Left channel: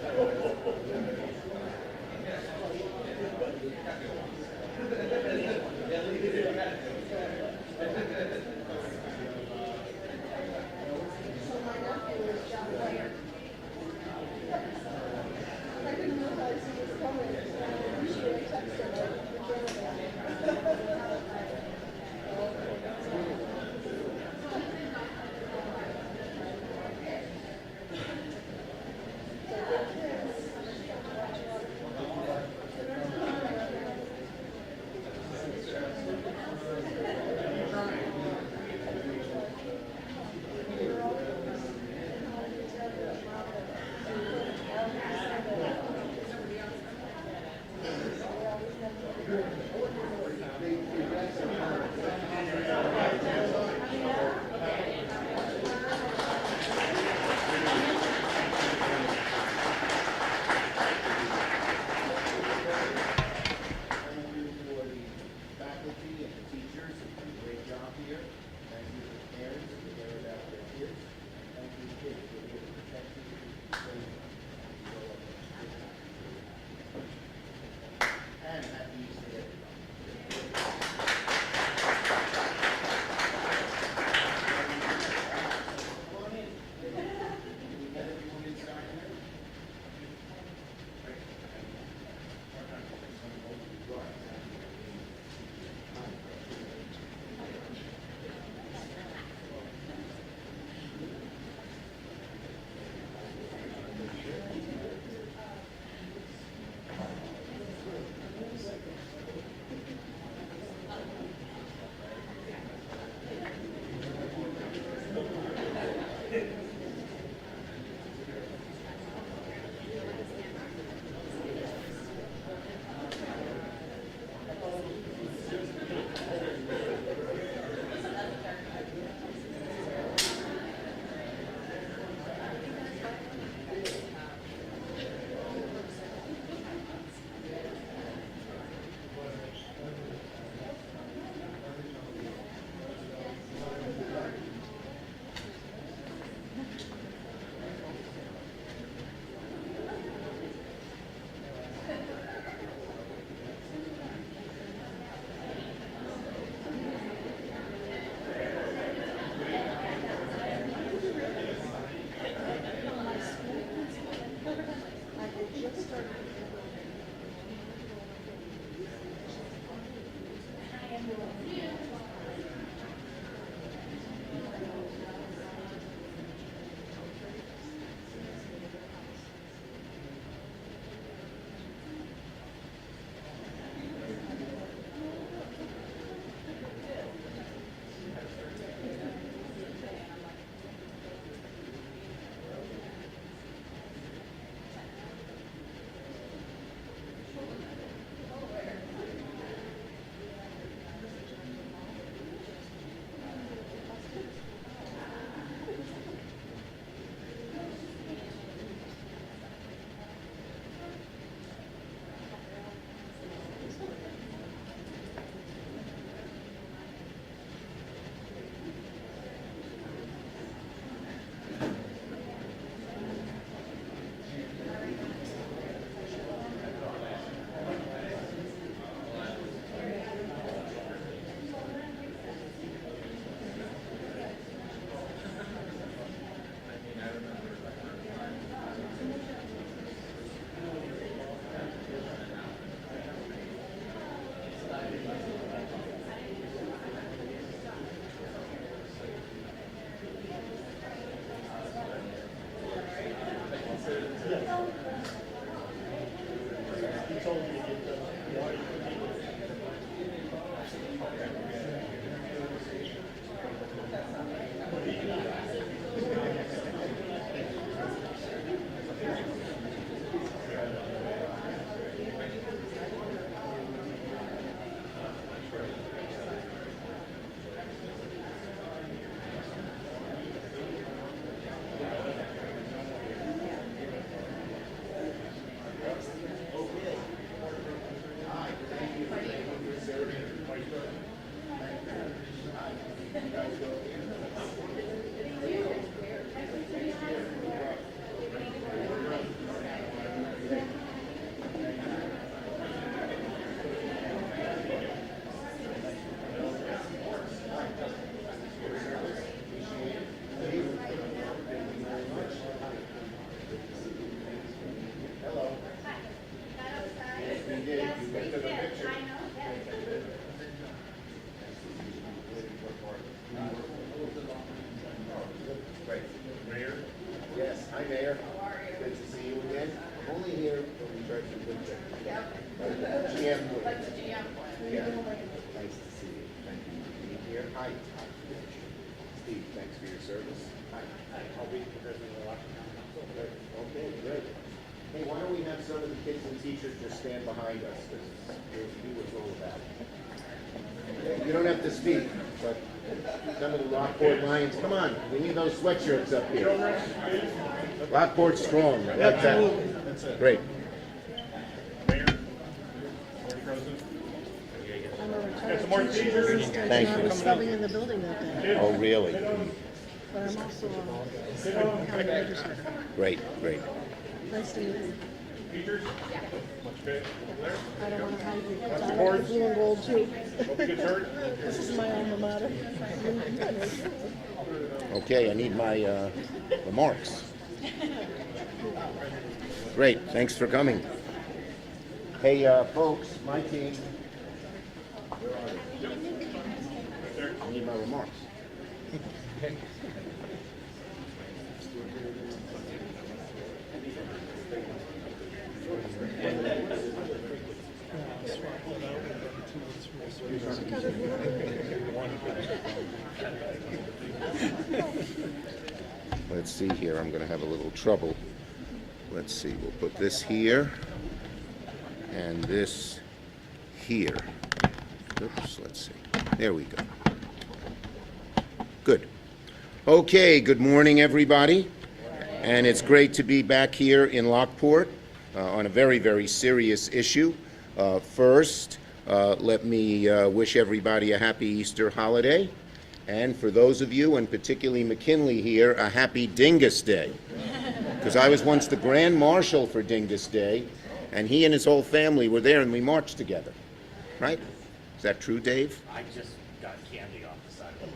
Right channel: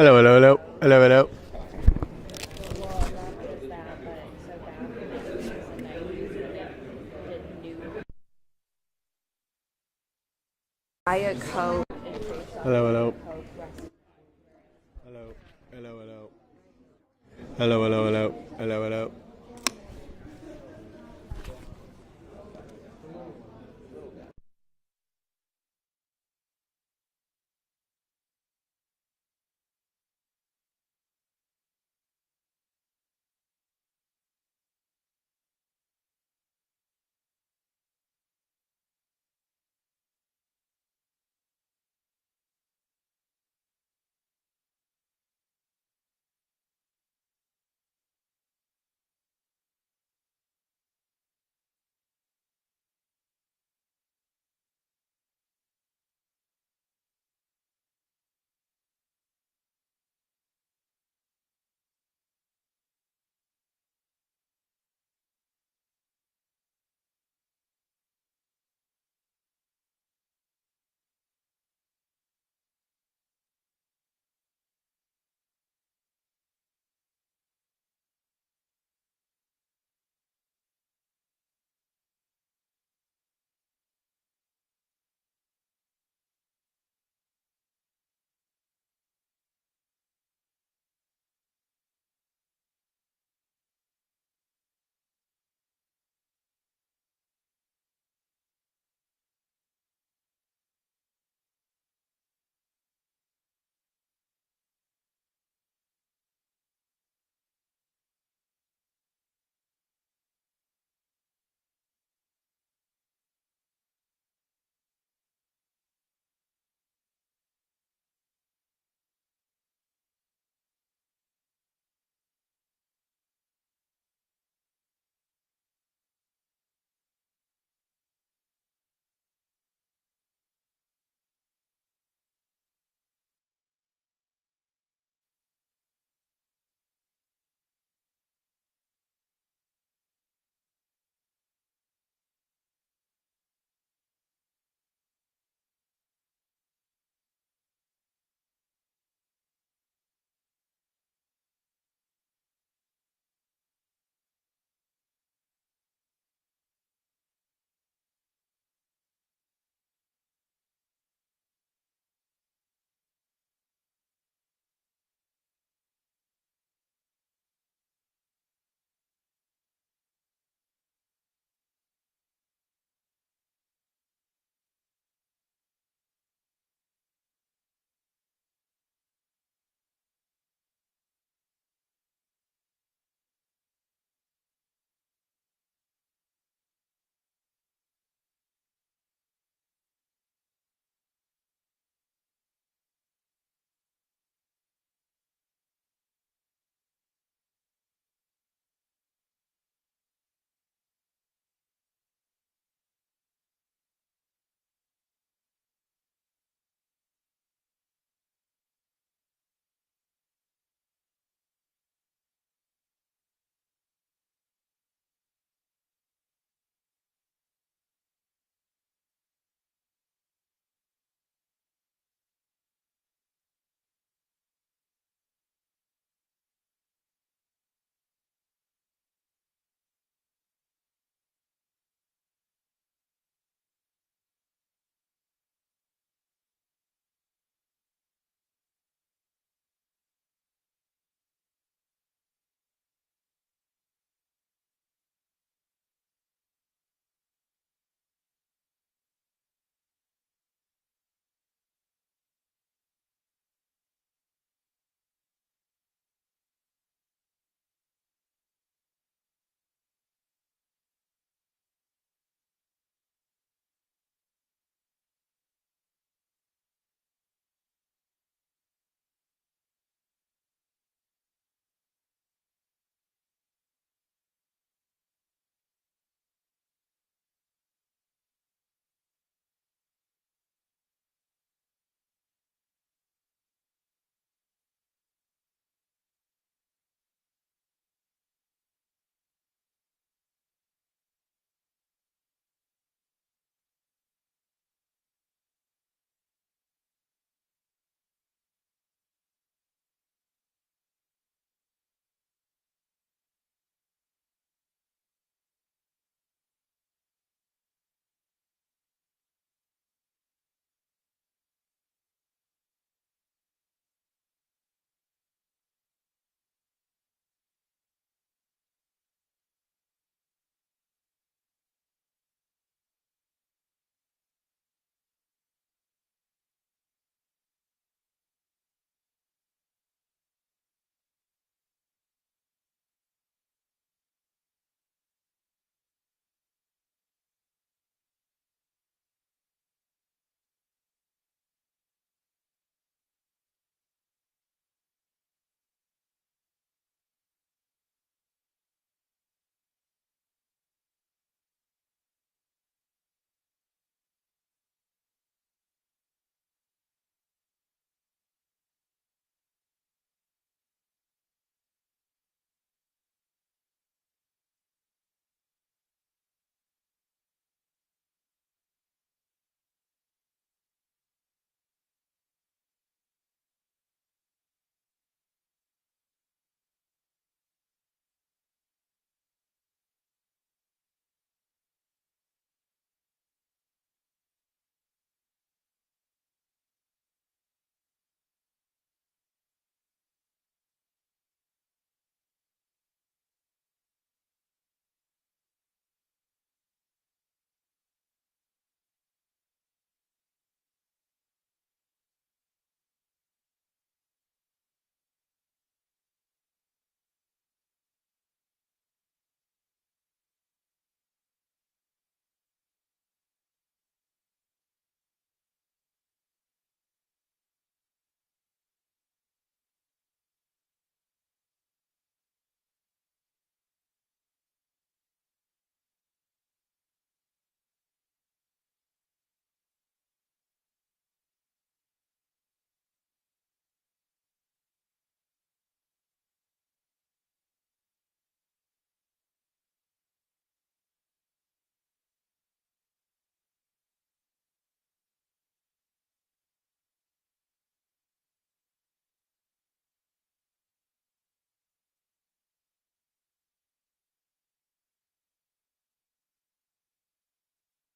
Hello, hello, hello, hello, hello. Diet Coke. Hello, hello. Hello, hello, hello, hello, hello. Hi. Steve, thanks for your service. Hi. I'll be the president of the Lockport County Council. Okay, great. Hey, why don't we have some of the kids and teachers just stand behind us, because we'll see what's all about. You don't have to speak, but some of the Lockport Lions, come on, we need those sweatshirts up here. Lockport strong, I like that. That's it. Great. Mayor, Board President. I'm a Got retired some more teacher teachers? assistant, Thank and I you. was subbing in the building that day. Oh, really? But I'm also a county legislator. Great, great. Nice to meet you. Teachers? Much good. There. I don't want to hide you. Lots of I like boards. blue and gold too. Hope you get hurt. This is my alma mater. Okay, I need my remarks. Great, thanks for coming. Hey, folks, my team. I need my remarks. Let's see here, I'm going to have a little trouble. Let's see, we'll put this here and this here. Oops, let's see. There we go. Good. Okay, good morning, everybody. And it's great to be back here in Lockport on a very, very serious issue. First, let me wish everybody a happy Easter holiday. And for those of you, and particularly McKinley here, a happy Dingus Day. Because I was once the Grand Marshal for Dingus Day, and he and his whole family were there, and we marched together. Right? Is that true, Dave? I just got candy off the side of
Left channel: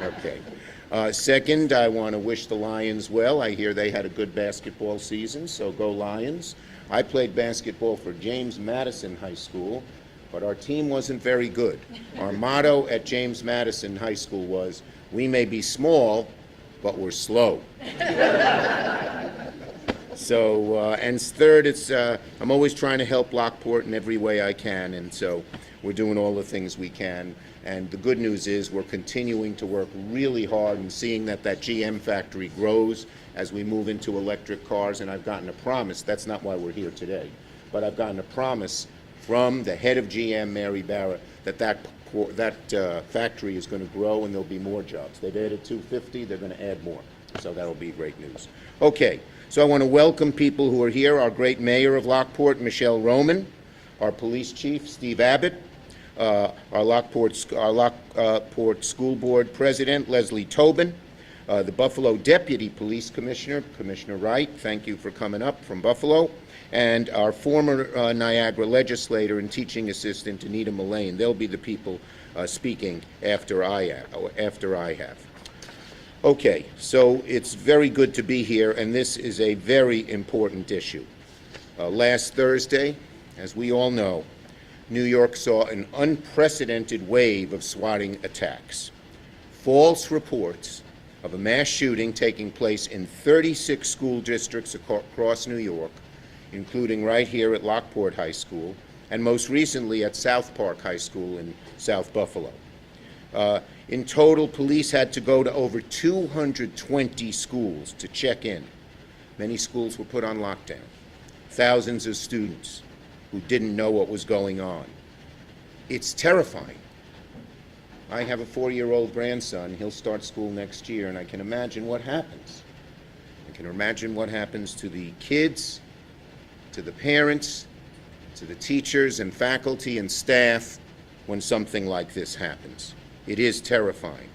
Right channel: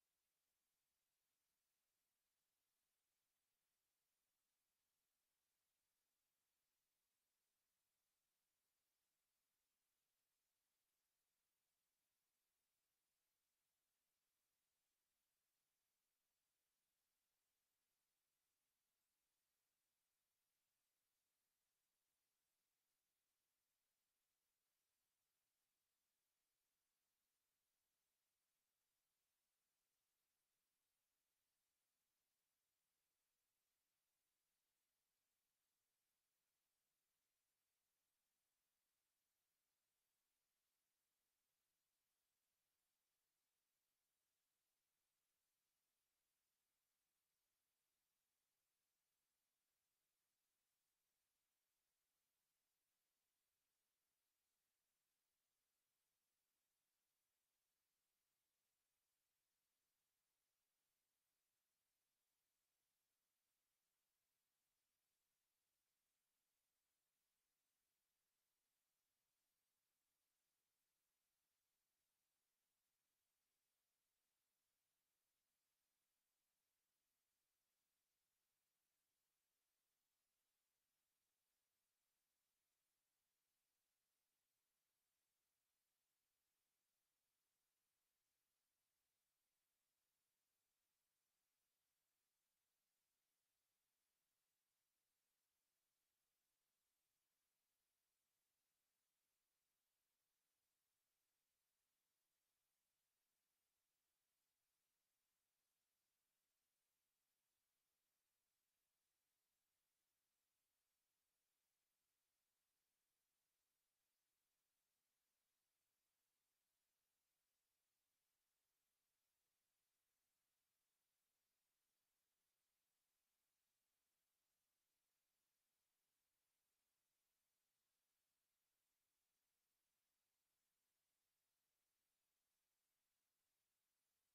the road. Okay. Second, I want to wish the Lions well. I hear they had a good basketball season, so go Lions. I played basketball for James Madison High School, but our team wasn't very good. Our motto at James Madison High School was, "We may be small, but we're slow." So, and third, I'm always trying to help Lockport in every way I can, and so we're doing all the things we can. And the good news is we're continuing to work really hard and seeing that GM factory grows as we move into electric cars. And I've gotten a promise, that's not why we're here today, but I've gotten a promise from the head of GM, Mary Barra, that factory is going to grow and there'll be more jobs. They've added 250, they're going to add more. So that'll be great news. Okay, so I want to welcome people who are here. Our great mayor of Lockport, Michelle Roman, our police chief, Steve Abbott, our Lockport School Board President, Leslie Tobin, the Buffalo Deputy Police Commissioner, Commissioner Wright, thank you for coming up from Buffalo, and our former Niagara legislator and teaching assistant, Anita Mullane. They'll be the people speaking after I have. Okay, so it's very good to be here, and this is a very important issue. Last Thursday, as we all know, New York saw an unprecedented wave of swatting attacks. False reports of a mass shooting taking place in 36 school districts across New York, including right here at Lockport High School, and most recently at South Park High School in South Buffalo. In total, police had to go to over 220 schools to check in. Many schools were put on lockdown. Thousands of students who didn't know what was going on. It's terrifying. I have a 4-year-old grandson. He'll start school next year, and I can imagine what happens. I can imagine what happens to the kids, to the parents, to the teachers and faculty and staff when something like this happens. It is terrifying.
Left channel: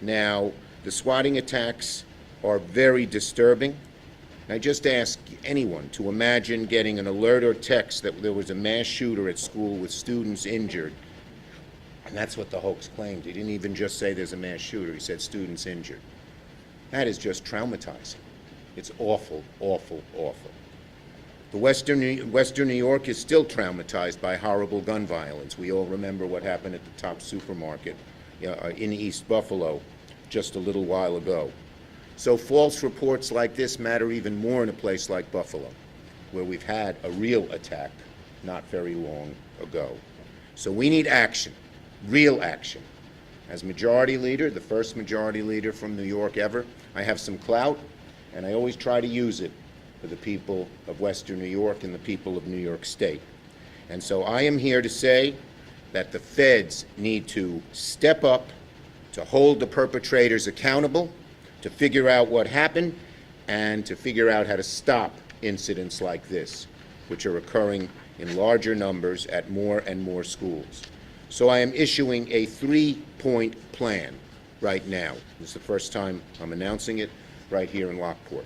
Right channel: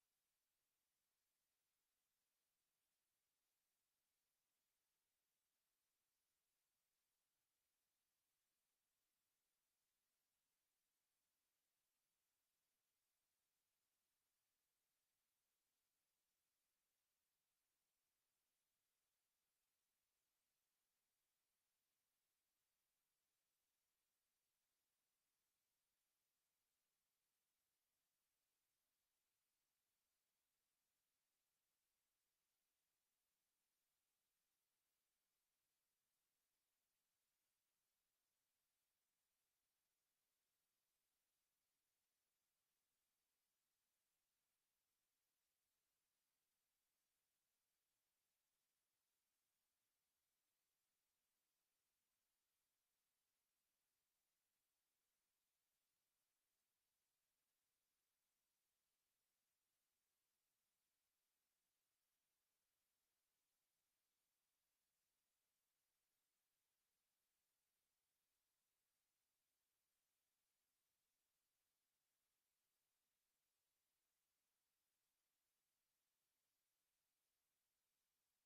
Now, the swatting attacks are very disturbing. I just ask anyone to imagine getting an alert or text that there was a mass shooter at school with students injured. And that's what the hoax claimed. He didn't even just say there's a mass shooter. He said students injured. That is just traumatizing. It's awful, awful, awful. The Western New York is still traumatized by horrible gun violence. We all remember what happened at the Top Supermarket in East Buffalo just a little while ago. So false reports like this matter even more in a place like Buffalo, where we've had a real attack not very long ago. So we need action. real action. As majority leader, the first majority leader from New York ever, I have some clout, and I always try to use it for the people of Western New York and the people of New York State. And so I am here to say that the feds need to step up to hold the perpetrators accountable, to figure out what happened, and to figure out how to stop incidents like this, which are occurring in larger numbers at more and more schools. So I am issuing a 3-point plan right now. This is the first time I'm announcing it right here in Lockport.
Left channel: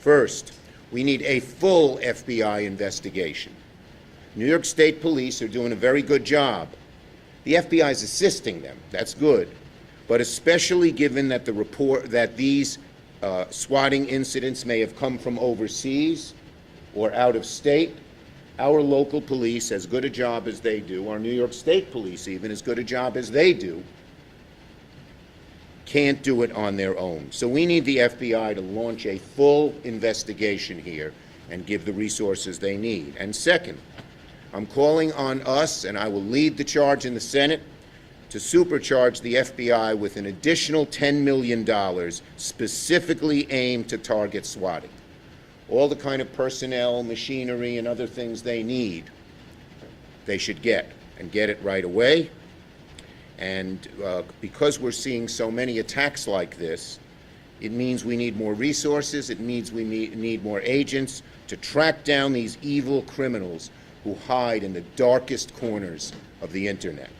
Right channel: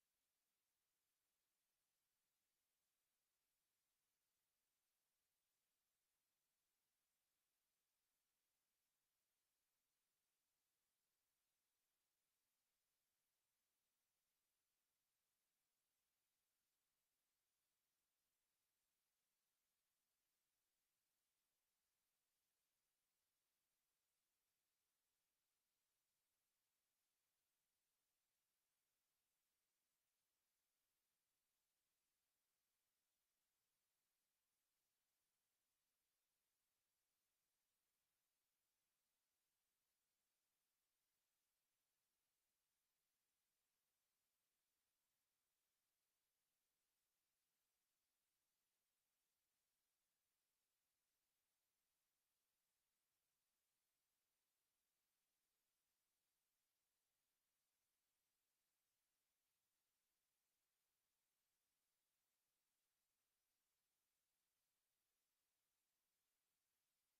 First, we need a full FBI investigation. New York State Police are doing a very good job. The FBI is assisting them. That's good. But especially given that these swatting incidents may have come from overseas or out of state, our local police, as good a job as they do, our New York State Police even, as good a job as they do, can't do it on their own. So we need the FBI to launch a full investigation here and give the resources they need. And second, I'm calling on us, and I will lead the charge in the Senate, to supercharge the FBI with an additional $10 million specifically aimed to target swatting. All the kind of personnel, machinery, and other things they need, they should get, and get it right away. And because we're seeing so many attacks like this, it means we need more resources, it means we need more agents to track down these evil criminals who hide in the darkest corners of the internet.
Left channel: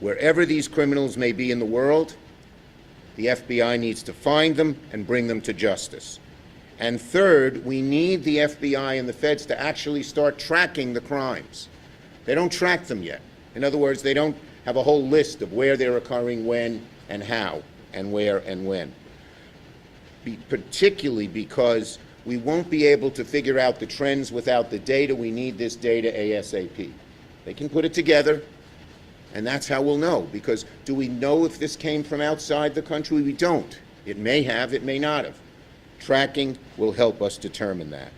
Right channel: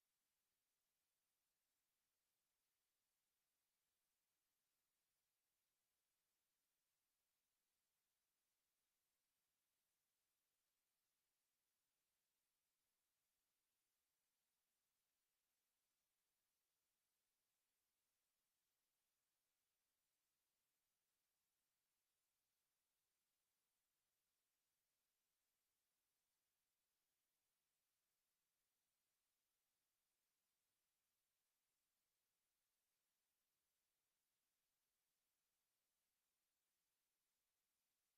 Wherever these criminals may be in the world, the FBI needs to find them and bring them to justice. And third, we need the FBI and the feds to actually start tracking the crimes. They don't track them yet. In other words, they don't have a whole list of where they're occurring, when, and how, and where, and when. Particularly because we won't be able to figure out the trends without the data. We need this data ASAP. They can put it together, and that's how we'll know. Because do we know if this came from outside the country? We don't. It may have, it may not have. Tracking will help us determine that.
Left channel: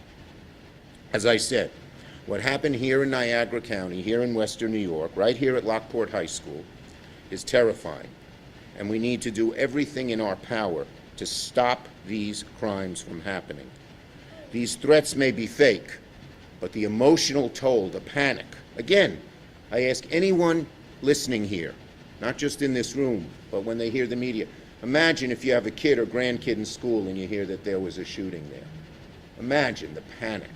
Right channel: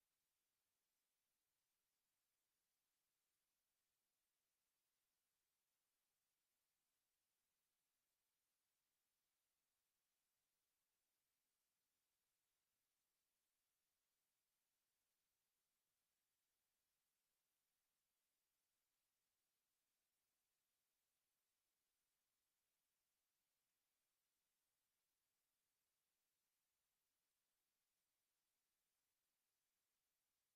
As I said, what happened here in Niagara County, here in Western New York, right here at Lockport High School, is terrifying. And we need to do everything in our power to stop these crimes from happening. These threats may be fake, but the emotional toll, the panic. Again, I ask anyone listening here, not just in this room, but when they hear the media, imagine if you have a kid or grandkid in school and you hear that there was a shooting there. Imagine the panic.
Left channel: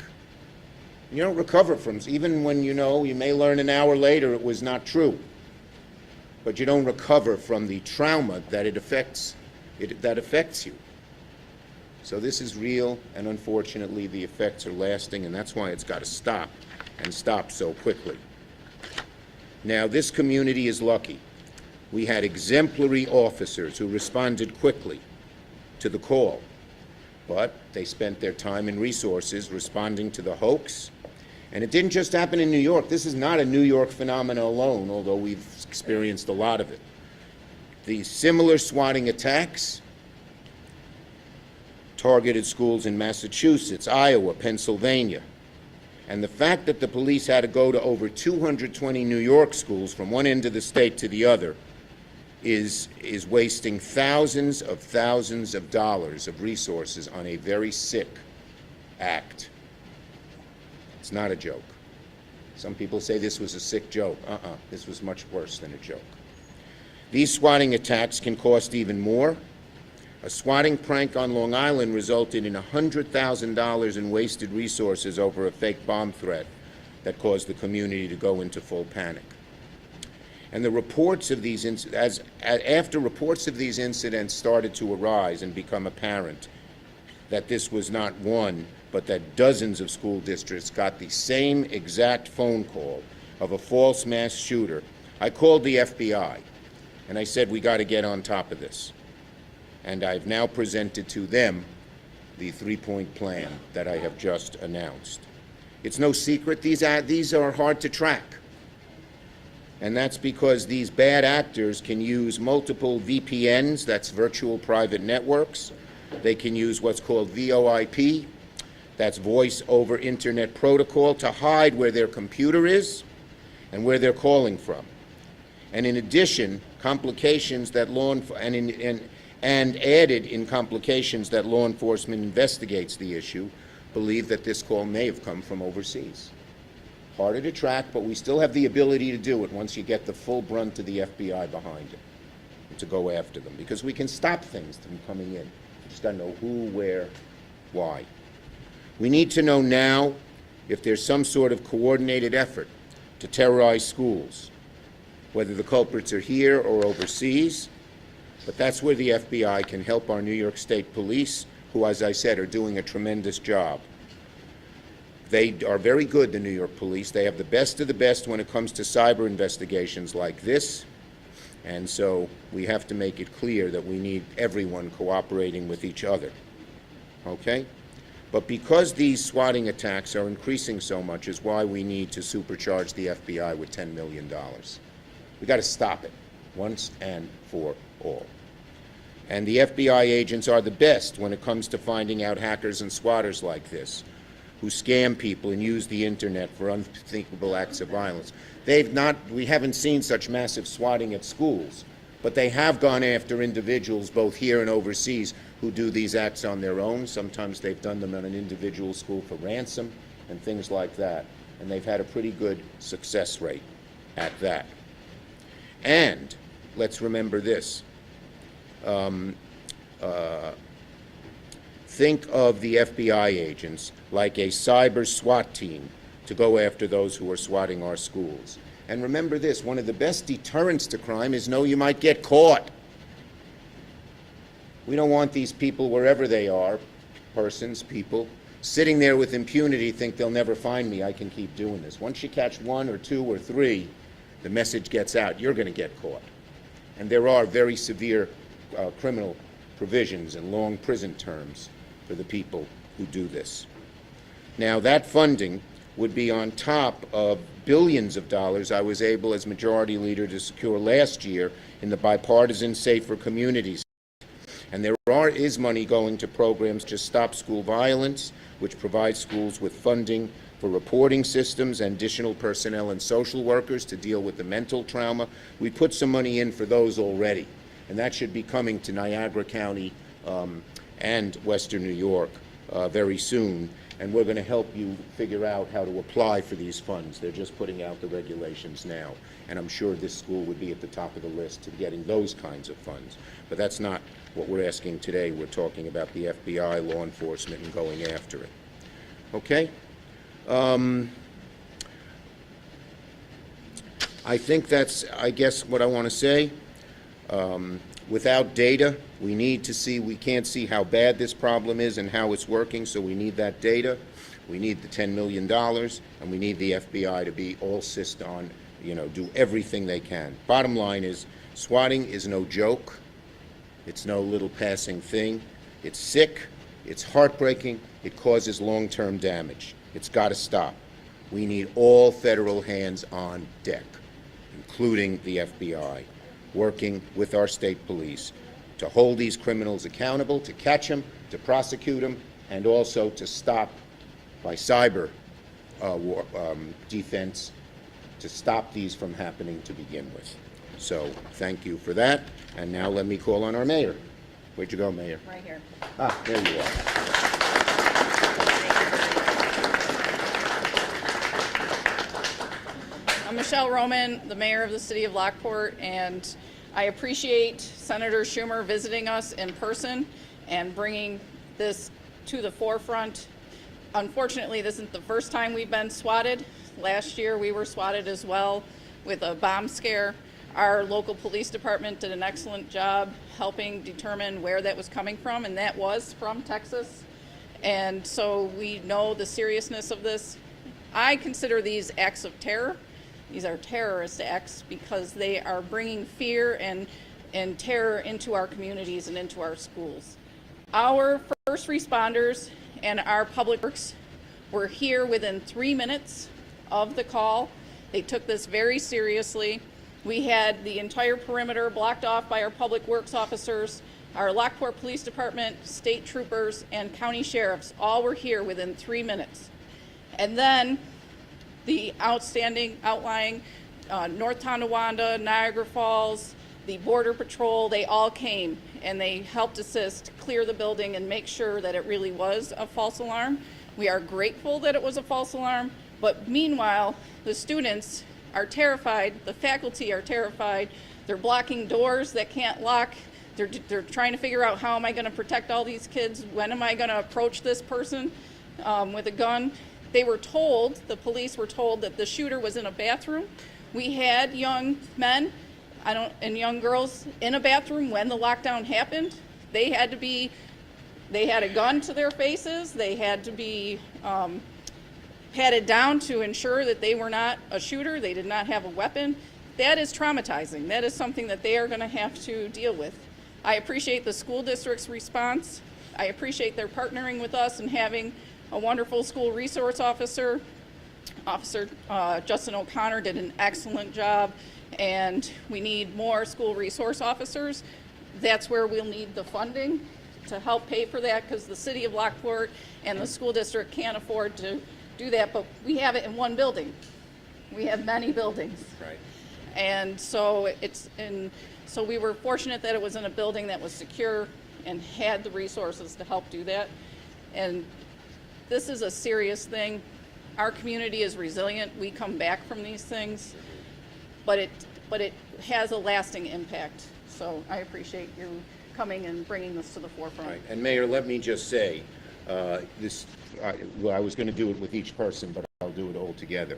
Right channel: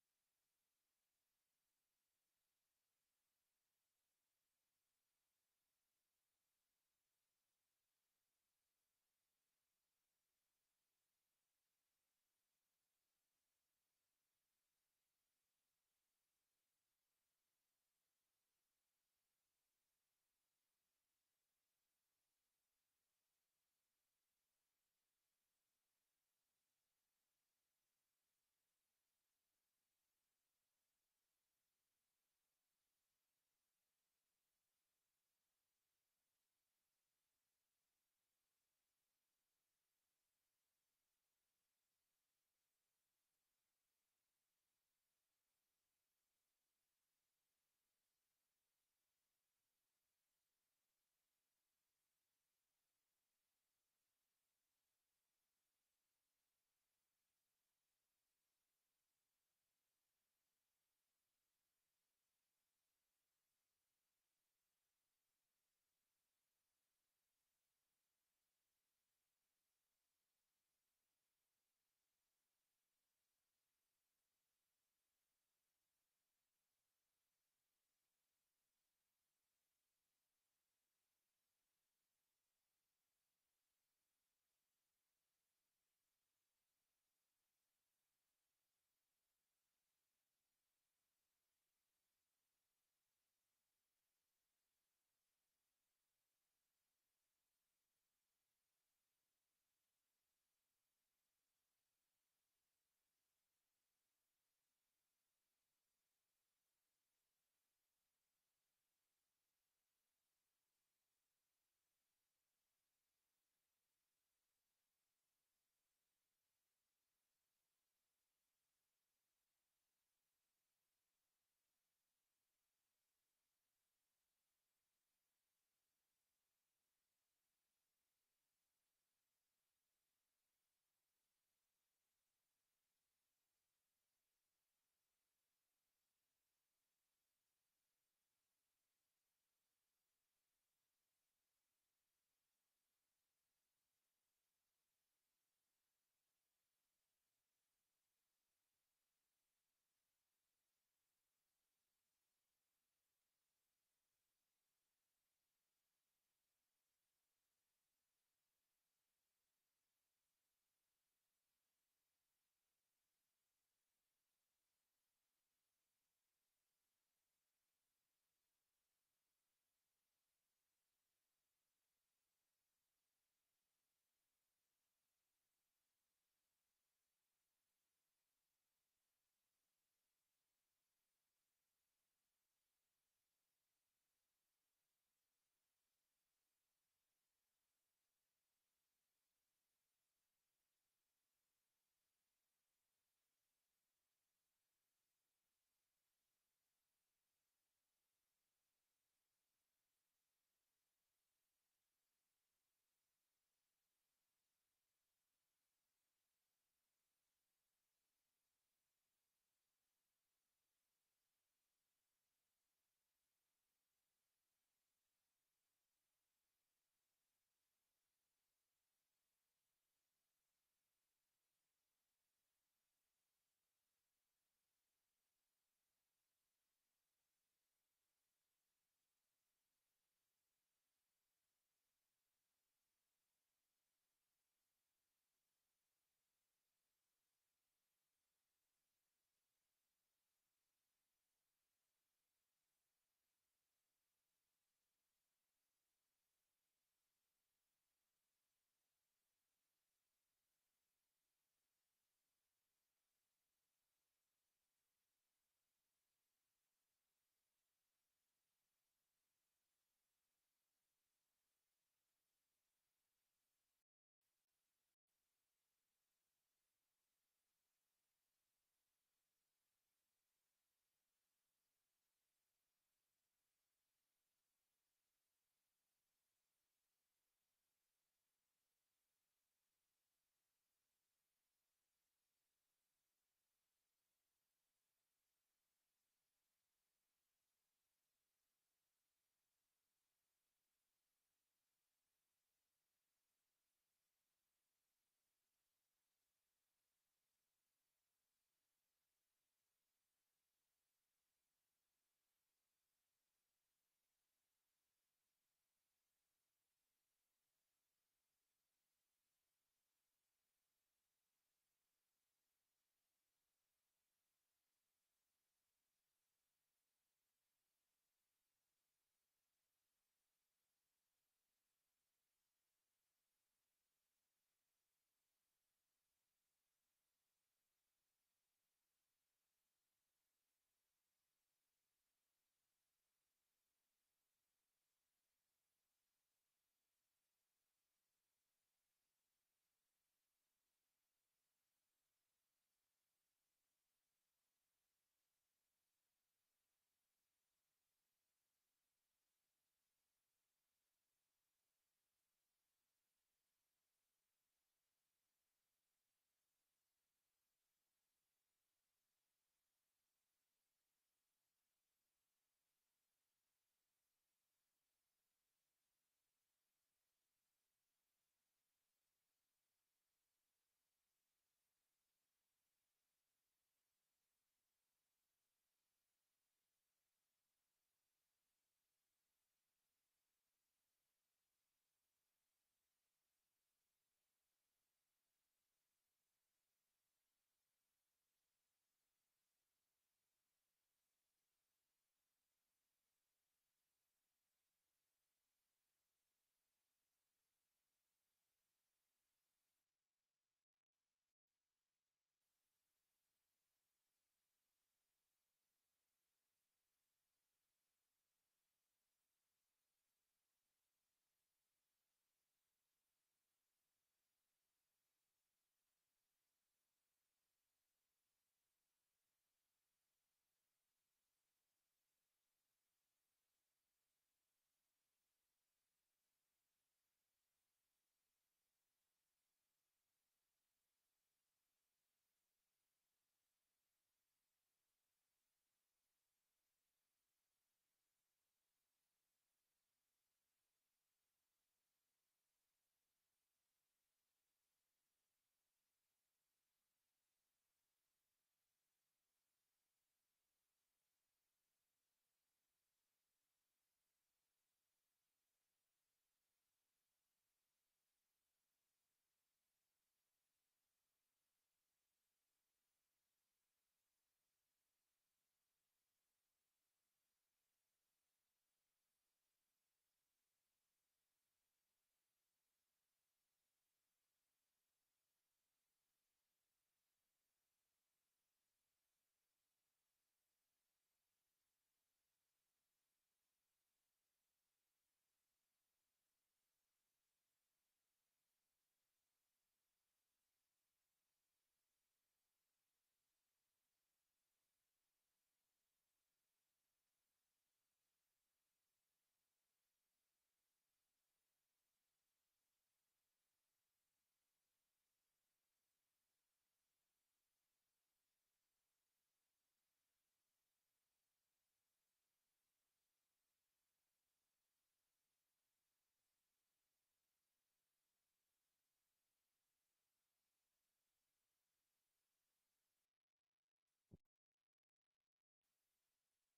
You don't recover from, even when you know, you may learn an hour later it was not true, but you don't recover from the trauma that affects you. So this is real, and unfortunately the effects are lasting, and that's why it's got to stop, and stop so quickly. Now, this community is lucky. We had exemplary officers who responded quickly to the call, but they spent their time and resources responding to the hoax. And it didn't just happen in New York. This is not a New York phenomenon alone, although we've experienced a lot of it. The similar swatting attacks targeted schools in Massachusetts, Iowa, Pennsylvania. And the fact that the police had to go to over 220 New York schools from one end of the state to the other is wasting thousands of dollars of resources on a very sick act. It's not a joke. Some people say this was a sick joke. This was much worse than a joke. These swatting attacks can cost even more. A swatting prank on Long Island resulted in $100,000 in wasted resources over a fake bomb threat that caused the community to go into full panic. And the reports of these after reports of these incidents started to arise and become apparent that this was not one, but that dozens of school districts got the same exact phone call of a false mass shooter, I called the FBI and I said, we got to get on top of this. And I've now presented to them the 3-point plan that I have just announced. It's no secret these are hard to track. And that's because these bad actors can use multiple VPNs, that's virtual private networks. They can use what's called VoIP, that's voice over internet protocol, to hide where their computer is and where they're calling from. And in addition, complications that and added in complications that law enforcement investigates the issue, believe that this call may have come from overseas. Harder to track, but we still have the ability to do it once you get the full brunt of the FBI behind it, to go after them, because we can stop things from coming in. We just got to know who, where, why. We need to know now if there's some sort of coordinated effort to terrorize schools, whether the culprits are here or overseas, but that's where the FBI can help our New York State Police, who, as I said, are doing a tremendous job. They are very good, the New York Police. They have the best of the best when it comes to cyber investigations like this, and so we have to make it clear that we need everyone cooperating with each other, okay? But because these swatting attacks are increasing so much is why we need to supercharge the FBI with $10 million. We got to stop it once and for all. And the FBI agents are the best when it comes to finding out hackers and swatters like this, who scam people and use the internet for unthinkable acts of violence. We haven't seen such massive swatting at schools, but they have gone after individuals both here and overseas who do these acts on their own. Sometimes they've done them on an individual school for ransom and things like that, and they've had a pretty good success rate at that. And let's remember this. Think of the FBI agents like a cyber SWAT team to go after those who are swatting our schools. And remember this, one of the best deterrents to crime is know you might get caught. We don't want these people, wherever they are, persons, people, sitting there with impunity, think they'll never find me, I can keep doing this. Once you catch one or two or three, the message gets out, you're going to get caught. And there are very severe criminal provisions and long prison terms for the people who do this. Now, that funding would be on top of billions of dollars I was able, as Majority Leader, to secure last year in the bipartisan Safer Communities. And there is money going to programs to stop school violence, which provides schools with funding for reporting systems and additional personnel and social workers to deal with the mental trauma. We put some money in for those already, and that should be coming to Niagara County and Western New York very soon. And we're going to help you figure out how to apply for these funds. They're just putting out the regulations now. And I'm sure this school would be at the top of the list to getting those kinds of funds. But that's not what we're asking today. We're talking about the FBI, law enforcement, and going after it. Okay? I think that's, I guess, what I want to say. Without data, we can't see how bad this problem is and how it's working, so we need that data. We need the $10 million, and we need the FBI to be all on, do everything they can. Bottom line is, swatting is no joke. It's no little passing thing. It's sick. It's heartbreaking. It causes long-term damage. It's got to stop. We need all federal hands on deck, including the FBI, working with our state police to hold these criminals accountable, to catch them, to prosecute them, and also to stop, by cyber defense, to stop these from happening to begin with. So thank you for that. And now let me call on our mayor. Where'd you go, Mayor? Right here. Ah, there you are. I'm Michelle Roman, the mayor of the city of Lockport, and I appreciate Senator Schumer visiting us in person and bringing this to the forefront. Unfortunately, this isn't the first time we've been swatted. Last year we were swatted as well with a bomb scare. Our local police department did an excellent job helping determine where that was coming from, and that was from Texas. And so we know the seriousness of this. I consider these acts of terror. These are terrorist acts because they are bringing fear and terror into our communities and into our schools. Our first responders and our public works were here within 3 minutes of the call. They took this very seriously. We had the entire perimeter blocked off by our public works officers. Our Lockport Police Department, state troopers, and county sheriffs all were here within 3 minutes. And then the outlying North Tonawanda, Niagara Falls, the Border Patrol, they all came and they helped assist clear the building and make sure that it really was a false alarm. We are grateful that it was a false alarm, but meanwhile, the students are terrified, the faculty are terrified, they're blocking doors that can't lock, they're trying to figure out how am I gonna protect all these kids, when am I gonna approach this person with a gun. They were told, the police were told that the shooter was in a bathroom. We had young men and young girls in a bathroom when the lockdown happened. They had a gun to their faces. They had to be patted down to ensure that they were not a shooter. They did not have a weapon. That is traumatizing. That is something that they are going to have to deal with. I appreciate the school district's response. I appreciate their partnering with us and having a wonderful school resource officer. Officer Justin O'Connor did an excellent job, and we need more school resource officers. That's where we'll need the funding to help pay for that, because the city of Lockport and the school district can't afford to do that, but we have it in one building. We have many buildings. Right. And so so we were fortunate that it was in a building that was secure and had the resources to help do that. And this is a serious thing. Our community is resilient. We come back from these things, but it has a lasting impact. So I appreciate you coming and bringing this to the forefront. Right. And Mayor, let me just say, well, I was going to do it with each person, but I'll do it all together.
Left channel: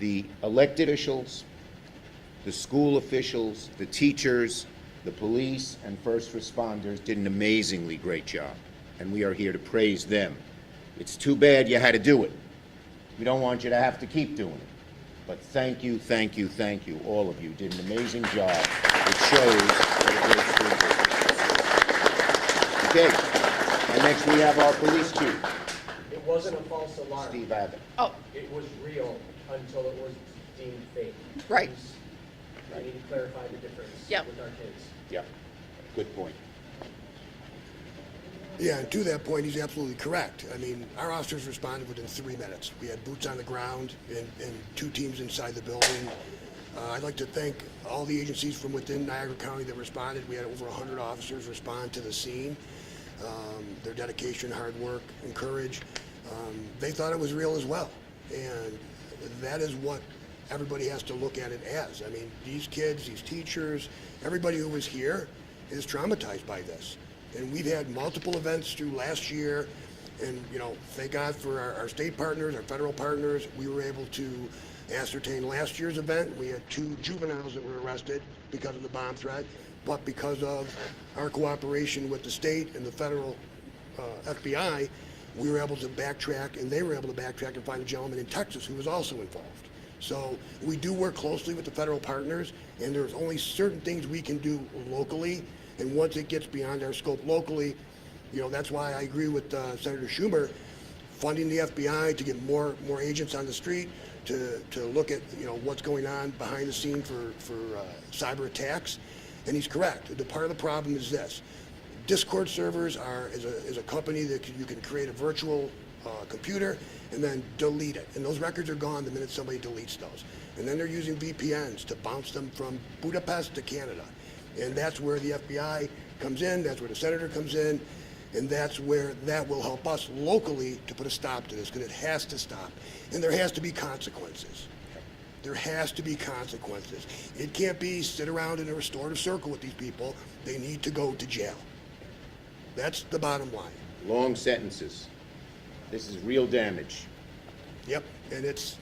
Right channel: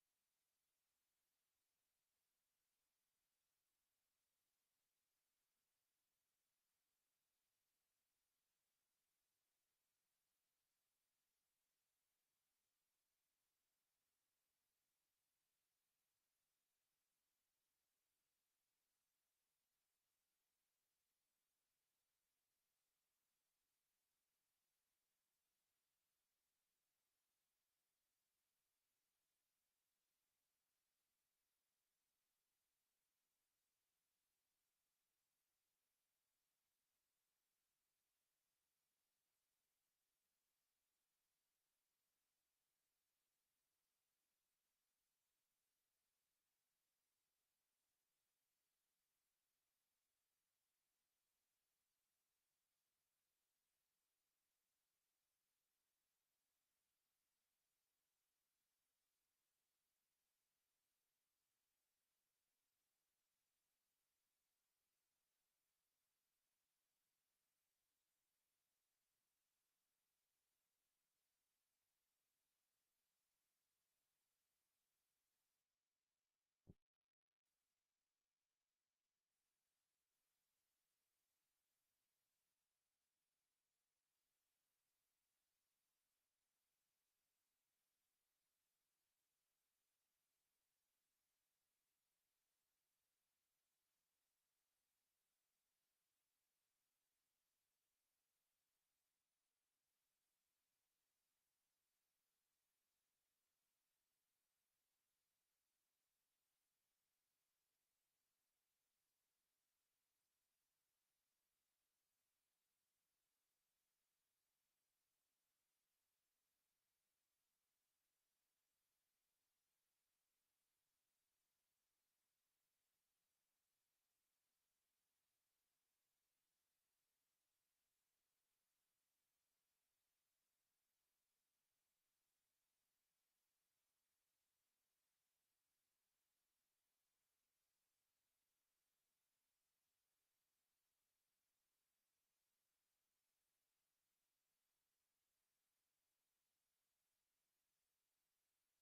The elected officials, the school officials, the teachers, the police, and first responders did an amazingly great job, and we are here to praise them. It's too bad you had to do it. We don't want you to have to keep doing it. But thank you, thank you, thank you. All of you did an amazing job. It shows what a great school district. Okay, and next we have our police chief, It wasn't a false alarm. Steve Abbott. Oh, It was real until it was deemed fake. right. We need to clarify the difference Yep. with our kids. Yep, good point. Yeah, and to that point, he's absolutely correct. I mean, our officers responded within 3 minutes. We had boots on the ground and 2 teams inside the building. I'd like to thank all the agencies from within Niagara County that responded. We had over 100 officers respond to the scene. Their dedication, hard work, and courage, they thought it was real as well. And that is what everybody has to look at it as. I mean, these kids, these teachers, everybody who was here is traumatized by this. And we've had multiple events through last year, and thank God for our state partners, our federal partners. We were able to ascertain last year's event. We had 2 juveniles that were arrested because of the bomb threat, but because of our cooperation with the state and the federal FBI, we were able to backtrack, and they were able to backtrack and find a gentleman in Texas who was also involved. So we do work closely with the federal partners, and there's only certain things we can do locally. And once it gets beyond our scope locally, that's why I agree with Senator Schumer, funding the FBI to get more agents on the street to look at what's going on behind the scene for cyber attacks. And he's correct. The part of the problem is this: Discord servers is a company that you can create a virtual computer and then delete it, and those records are gone the minute somebody deletes those. And then they're using VPNs to bounce them from Budapest to Canada. And that's where the FBI comes in, that's where the senator comes in, and that's where that will help us locally to put a stop to this, because it has to stop. And there has to be consequences. There has to be consequences. It can't be sit around in a restorative circle with these people. They need to go to jail. That's the bottom line. Long sentences. This is real damage. Yep, and it's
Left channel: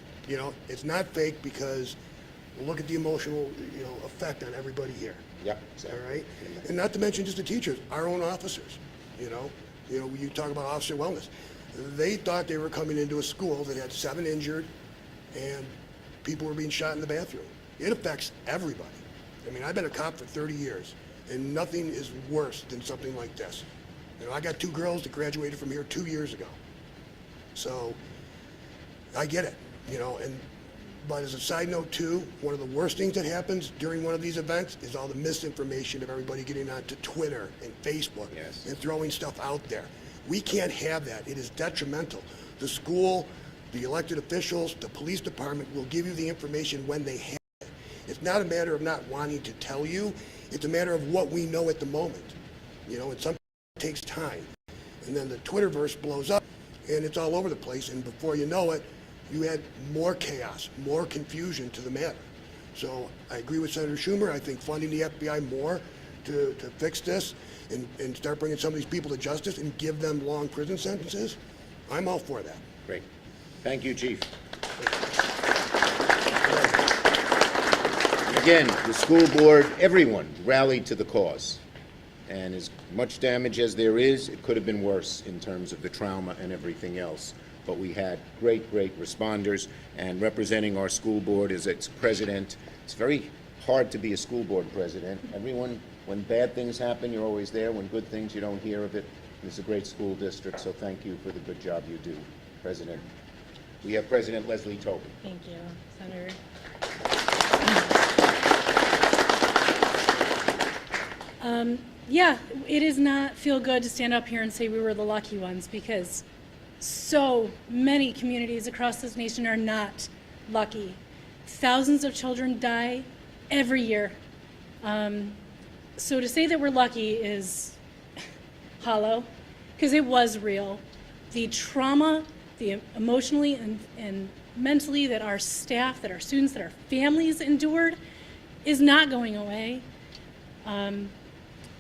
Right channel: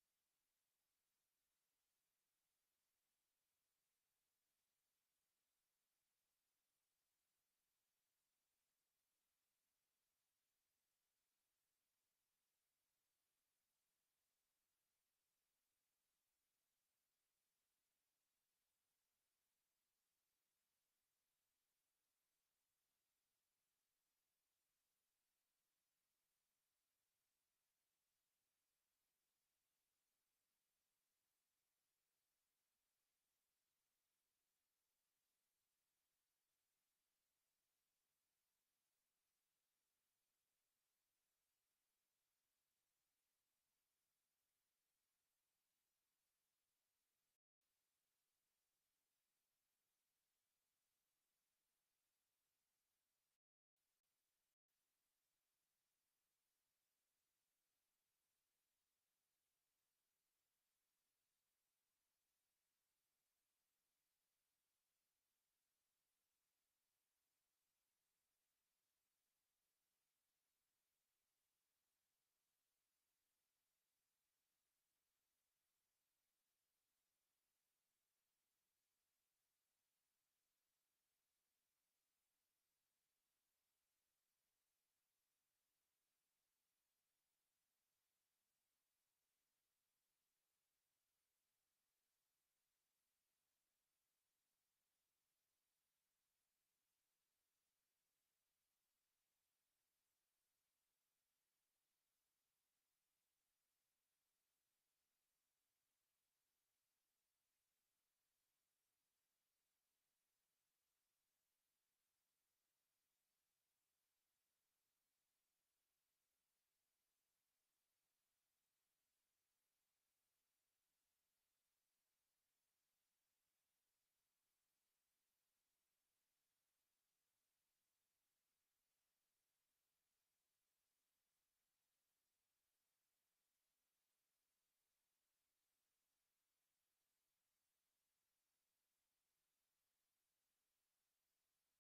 not fake, because look at the emotional effect on everybody here. Yep. All right, and not to mention just the teachers, our own officers. You talk about officer wellness. They thought they were coming into a school that had 7 injured, and people were being shot in the bathroom. It affects everybody. I mean, I've been a cop for 30 years, and nothing is worse than something like this. I got 2 girls that graduated from here 2 years ago, so I get it. But as a side note too, one of the worst things that happens during one of these events is all the misinformation of everybody getting onto Twitter and Facebook and throwing stuff out there. We can't have that. It is detrimental. The school, the elected officials, the police department will give you the information when they have it. It's not a matter of not wanting to tell you. It's a matter of what we know at the moment. You know, and sometimes it takes time. And then the Twitterverse blows up, and it's all over the place, and before you know it, you add more chaos, more confusion to the matter. So I agree with Senator Schumer. I think funding the FBI more to fix this and start bringing some of these people to justice and give them long prison sentences, I'm all for that. Great. Thank you, Chief. Again, the school board, everyone rallied to the cause. And as much damage as there is, it could have been worse in terms of the trauma and everything else. But we had great, great responders, and representing our school board as its president, it's very hard to be a school board president. Everyone, when bad things happen, you're always there. When good things, you don't hear of it. It's a great school district, so thank you for the good job you do, President. We have President Leslie Tobin. Thank you, Senator. Yeah, it does not feel good to stand up here and say we were the lucky ones, because so many communities across this nation are not lucky. Thousands of children die every year. So to say that we're lucky is hollow, because it was real. The trauma, the emotionally and mentally that our staff, that our students, that our families endured is not going away.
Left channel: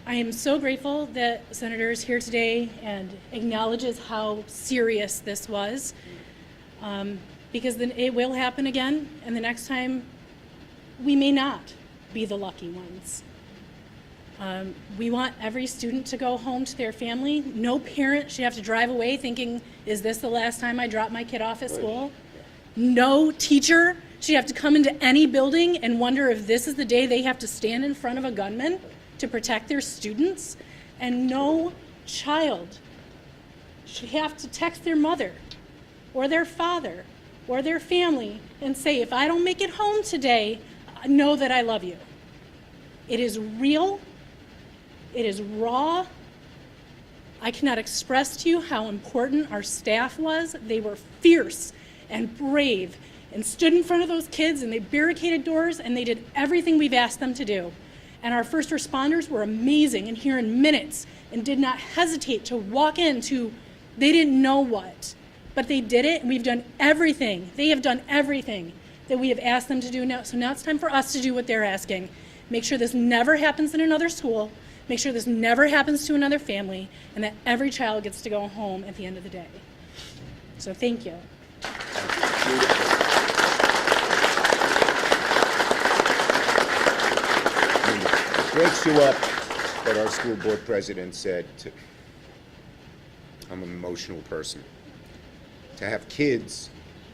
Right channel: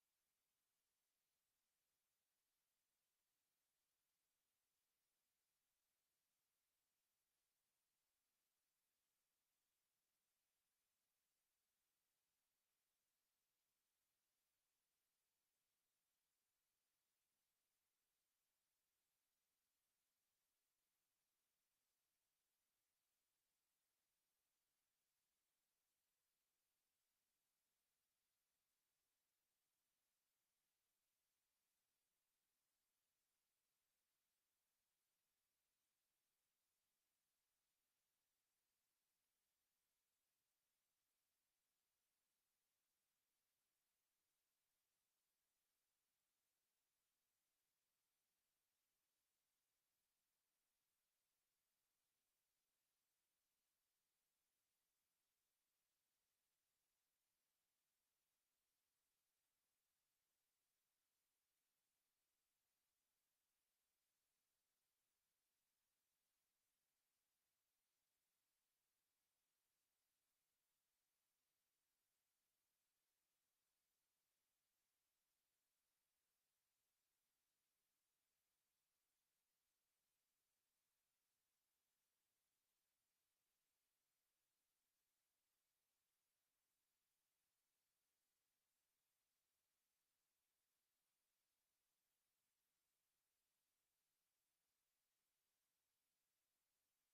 I am so grateful that Senator is here today and acknowledges how serious this was, because then it will happen again, and the next time we may not be the lucky ones. We want every student to go home to their family. No parent should have to drive away thinking, is this the last time I drop my kid off at school? No teacher should have to come into any building and wonder if this is the day they have to stand in front of a gunman to protect their students. And no child should have to text their mother or their father or their family and say, if I don't make it home today, know that I love you. It is real. It is raw. I cannot express to you how important our staff was. They were fierce and brave and stood in front of those kids, and they barricaded doors, and they did everything we've asked them to do. And our first responders were amazing and here in minutes and did not hesitate to walk into, they didn't know what, but they did it, and we've done everything. They have done everything that we have asked them to do now. So now it's time for us to do what they're asking. Make sure this never happens in another school. Make sure this never happens to another family, and that every child gets to go home at the end of the day. So thank you. It breaks you up that our school board president said, I'm an emotional person. To have kids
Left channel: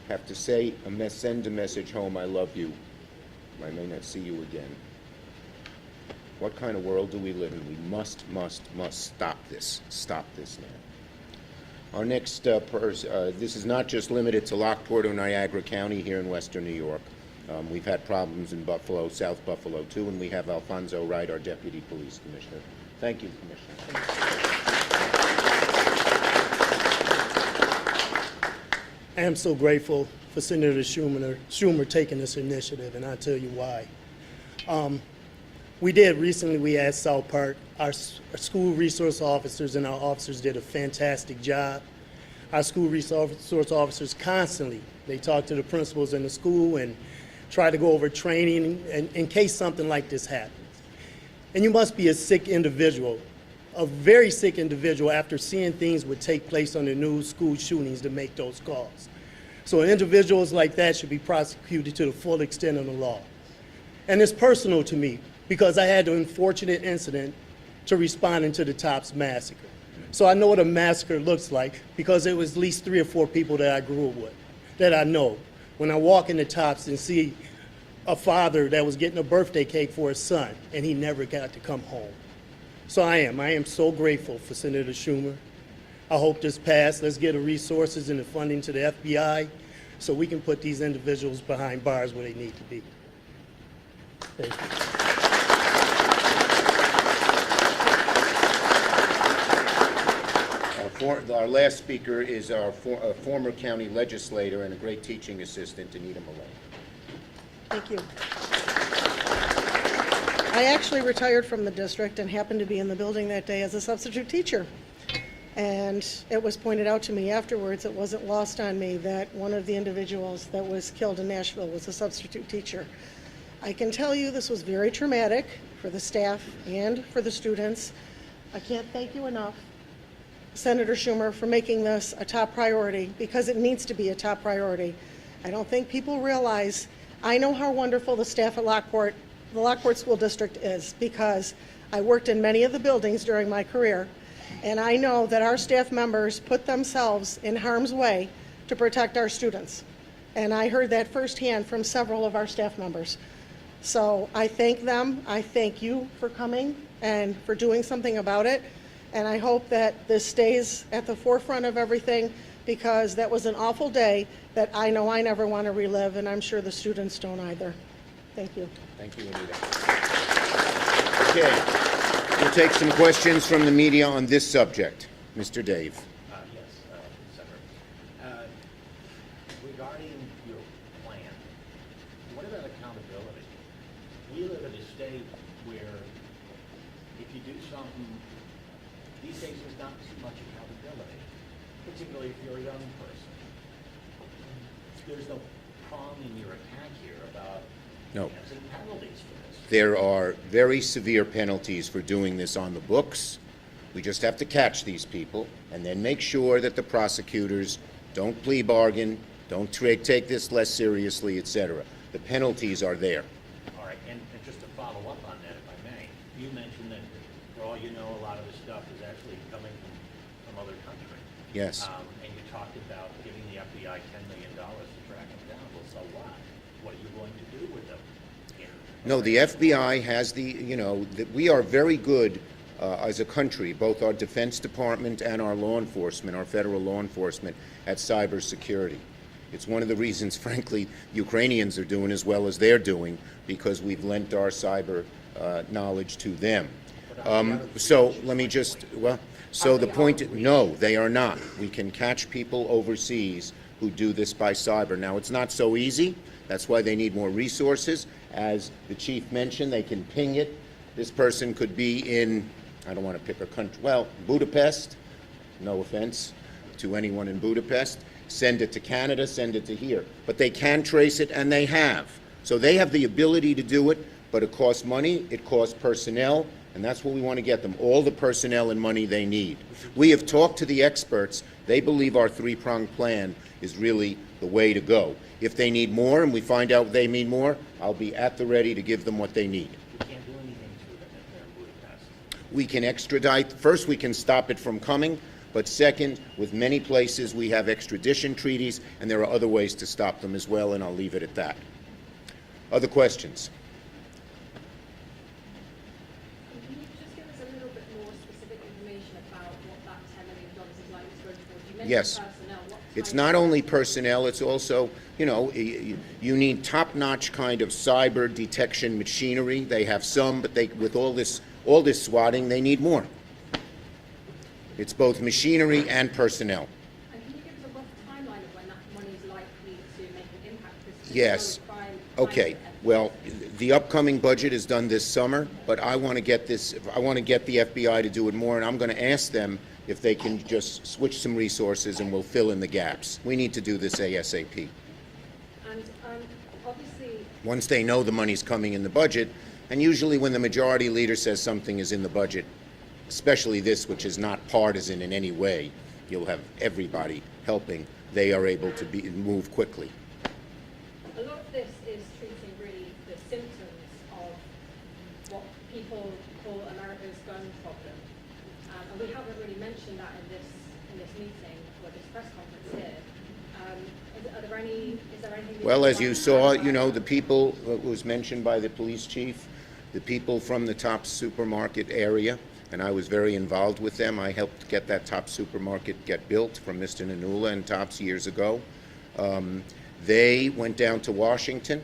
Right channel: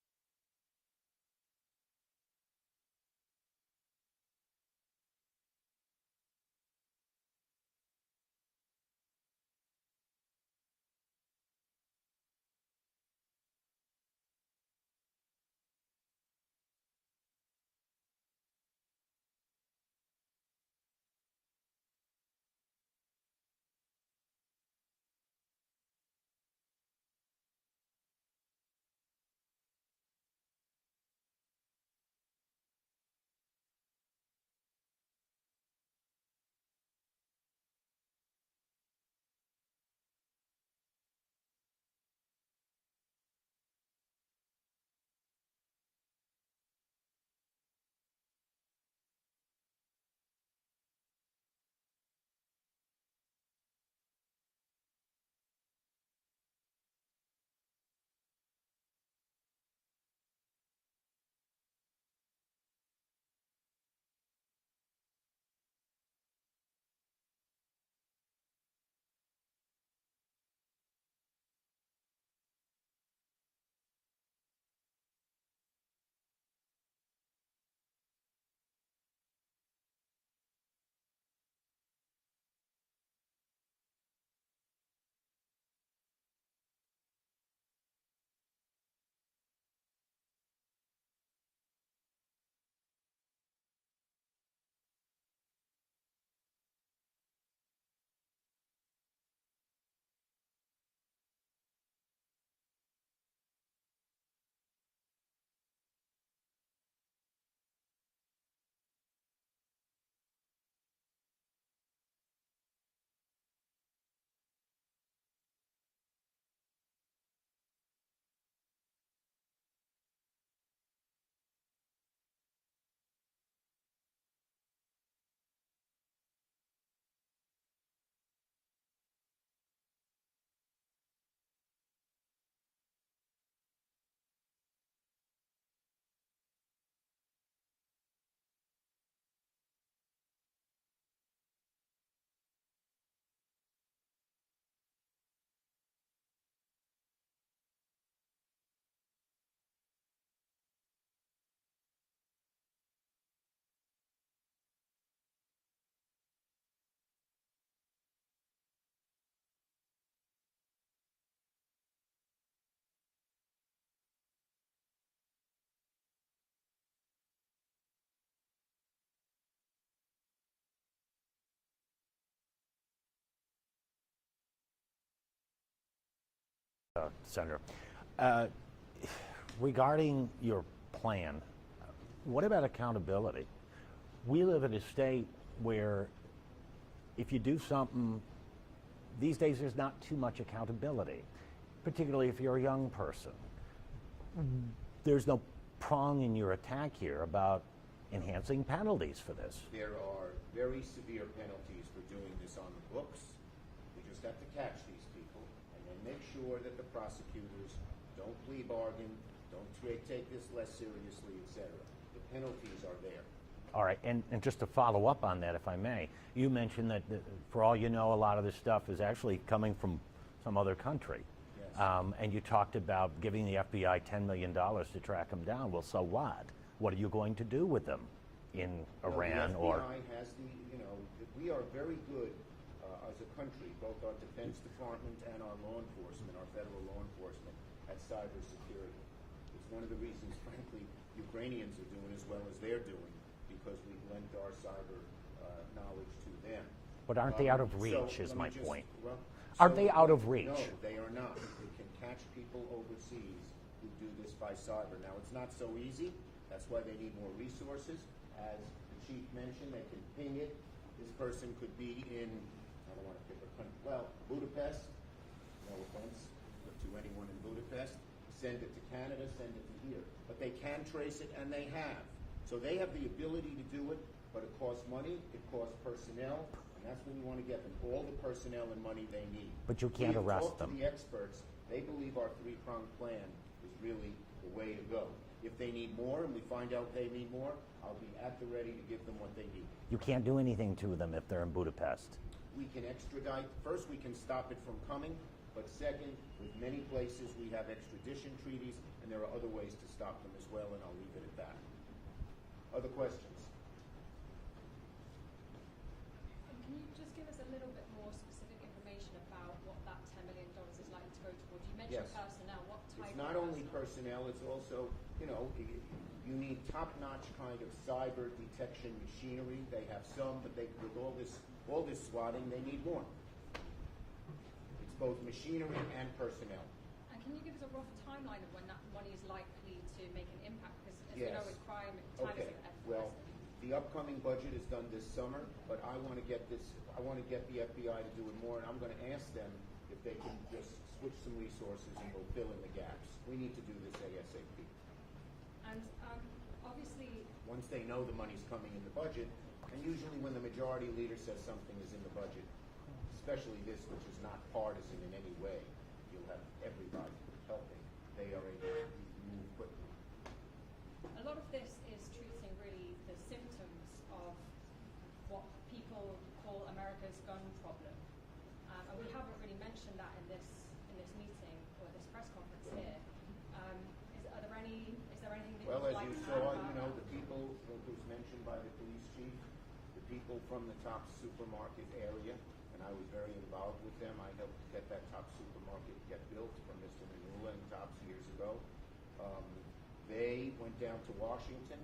have to say, send a message home, I love you. I may not see you again. What kind of world do we live in? We must stop this. Stop this now. Our next this is not just limited to Lockport or Niagara County here in Western New York. We've had problems in Buffalo, South Buffalo too, and we have Alfonso Wright, our Deputy Police Commissioner. Thank you, Commissioner. I am so grateful for Senator Schumer taking this initiative, and I'll tell you why. We asked South Park, our school resource officers and our officers did a fantastic job. Our school resource officers constantly, they talk to the principals in the school and try to go over training in case something like this happens. And you must be a sick individual, a very sick individual after seeing things would take place on the news, school shootings, to make those calls. So individuals like that should be prosecuted to the full extent of the law. And it's personal to me, because I had the unfortunate incident to responding to the Tops massacre. So I know what a massacre looks like, because it was at least 3 or 4 people that I grew up with, that I know. When I walk in the Tops and see a father that was getting a birthday cake for his son, and he never got to come home. So I am so grateful for Senator Schumer. I hope this passed. Let's get the resources and the funding to the FBI so we can put these individuals behind bars where they need to be. Thank you. Our last speaker is our former county legislator and a great teaching assistant, Anita Millay. Thank you. I actually retired from the district and happened to be in the building that day as a substitute teacher. And it was pointed out to me afterwards, it wasn't lost on me, that one of the individuals that was killed in Nashville was a substitute teacher. I can tell you this was very traumatic for the staff and for the students. I can't thank you enough, Senator Schumer, for making this a top priority, because it needs to be a top priority. I don't think people realize, I know how wonderful the staff at Lockport, the Lockport School District is, because I worked in many of the buildings during my career, and I know that our staff members put themselves in harm's way to protect our students. And I heard that firsthand from several of our staff members. So I thank them, I thank you for coming and for doing something about it. And I hope that this stays at the forefront of everything, because that was an awful day that I know I never want to relive, and I'm sure the students don't either. Thank you. Thank you, Anita. Okay, we'll take some questions from the media on this subject. Mr. Dave. Yes, Senator. Regarding your plan, what about accountability? We live in a state where if you do something, these days there's not too much accountability, particularly if you're a young person. There's no prong in your attack here about enhancing penalties for this. There are very severe penalties for doing this on the books. We just have to catch these people and then make sure that the prosecutors don't plea bargain, don't take this less seriously, etc. The penalties are there. All right, and just to follow up on that, if I may, you mentioned that for all you know, a lot of this stuff is actually coming from some other country. Yes. And you talked about giving the FBI $10 million to track them down. Well, so what? What are you going to do with them? No, the FBI has we are very good as a country, both our Defense Department and our law enforcement, our federal law enforcement, at cybersecurity. It's one of the reasons, frankly, Ukrainians are doing as well as they're doing, because we've lent our cyber knowledge to them. So let me just, so the point, no, they are not. We can catch people overseas who do this by cyber. Now, it's not so easy. That's why they need more resources. As the chief mentioned, they can ping it. This person could be in, I don't want to pick a country, well, Budapest, no offense to anyone in Budapest. Send it to Canada, send it to here. But they can trace it, and they have. So they have the ability to do it, but it costs money, it costs personnel, and that's what we want to get them, all the personnel and money they need. We have talked to the experts. They believe our three-pronged plan is really the way to go. If they need more and we find out they need more, I'll be at the ready to give them what they need. You can't do anything to them if they're in Budapest. We can extradite. First, we can stop it from coming, but second, with many places we have extradition treaties, and there are other ways to stop them as well, and I'll leave it at that. Other questions? Can you just give us a little bit more specific information about what that $10 million is likely to go towards? You mentioned Yes. personnel. What It's type not of- only personnel, it's also, you need top-notch kind of cyber detection machinery. They have some, but with all this swatting, they need more. It's both machinery and personnel. And can you give us a rough timeline of when that money is likely to make an impact? Because Yes. Okay. Well, the upcoming budget is done this summer, but I want to get the FBI to do it more, and I'm going to ask them if they can just switch some resources, and we'll fill in the gaps. We need to do this ASAP. And obviously, Once they know the money's coming in the budget, and usually when the majority leader says something is in the budget, especially this, which is not partisan in any way, you'll have everybody helping, they are able to move quickly. a lot of this is treating really the symptoms of what people call America's gun problem. And we haven't really mentioned that in this meeting or this press conference here. Is there anything? Well, as you saw, the people, it was mentioned by the police chief, the people from the Tops supermarket area, and I was very involved with them. I helped get that Tops supermarket get built from Mr. Nanula and Tops years ago. They went down to Washington,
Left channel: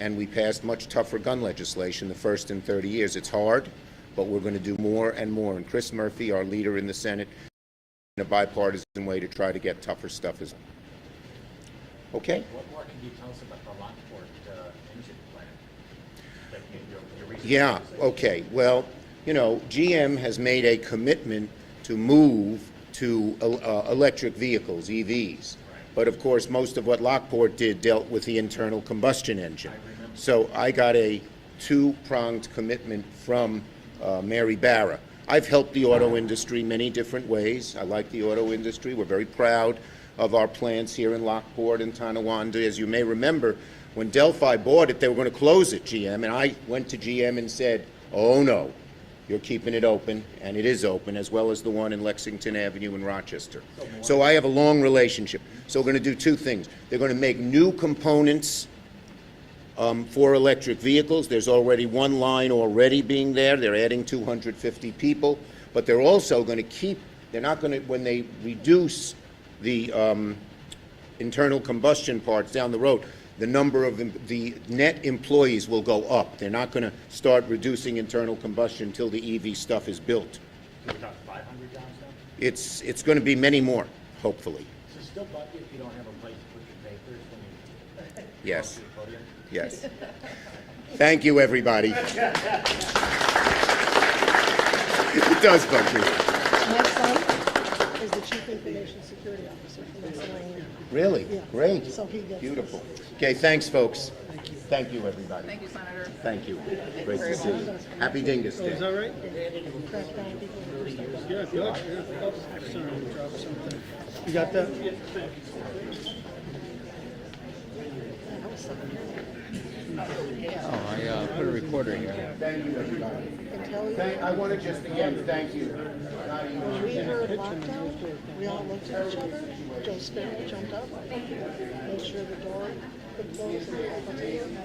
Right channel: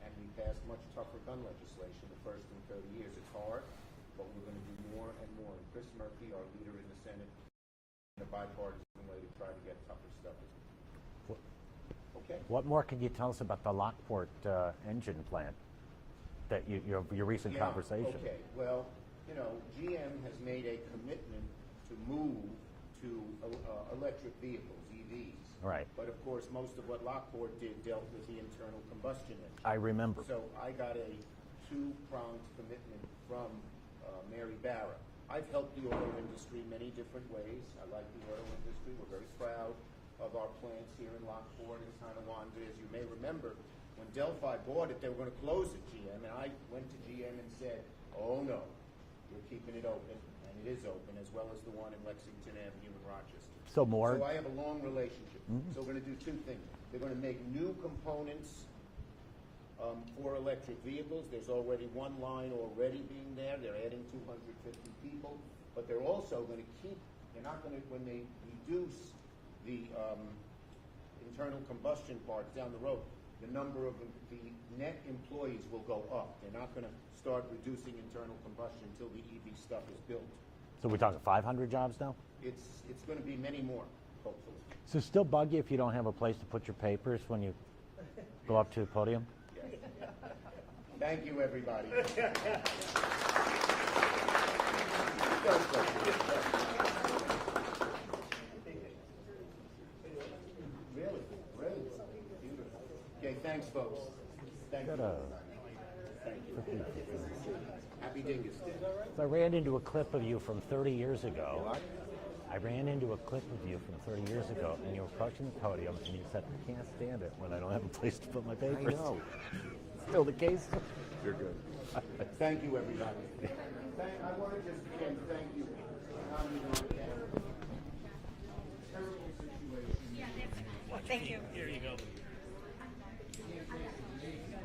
and we passed much tougher gun legislation the first in 30 years. It's hard, but we're going to do more and more. And Chris Murphy, our leader in the Senate, in a bipartisan way to try to get tougher stuff as well. Okay? What more can you tell us about the Lockport engine plant? that your recent Yeah, conversation. okay. Well, you know, GM has made a commitment to move to electric vehicles, EVs. Right. But of course, most of what Lockport did dealt with the internal combustion engine. I remember. So I got a two-pronged commitment from Mary Barra. I've helped the auto industry many different ways. I like the auto industry. We're very proud of our plants here in Lockport and Tonawanda. As you may remember, when Delphi bought it, they were going to close it, GM, and I went to GM and said, oh no, you're keeping it open, and it is open, as well as the one in Lexington Avenue in Rochester. So I have a long relationship. So we're going to do two things. They're going to make new components for electric vehicles. There's already one line already being there. They're adding 250 people, but they're also going to keep, they're not going to, when they reduce the internal combustion parts down the road, the number of the net employees will go up. They're not going to start reducing internal combustion until the EV stuff is built. So we're talking 500 jobs now? It's going to be many more, hopefully. Does it still bug you if you don't have a place to put your papers when you go up Yes. to the podium? Yes. Thank you, everybody. It does bug me. Next up is the Chief Information Security Officer from Pennsylvania. Really? Yeah. Great. So he gets Beautiful. Okay, thanks, folks. Thank you, everybody. Thank you, Senator. Thank you. Great to see you. Happy Dingus Day. I ran into a clip of you from 30 years ago. You got that? I put a recorder in here. Thank you, everybody. I want to just again thank you. When we heard lockdown, we all looked at each other. Joe Sparrow jumped up. Made sure the door could close and open.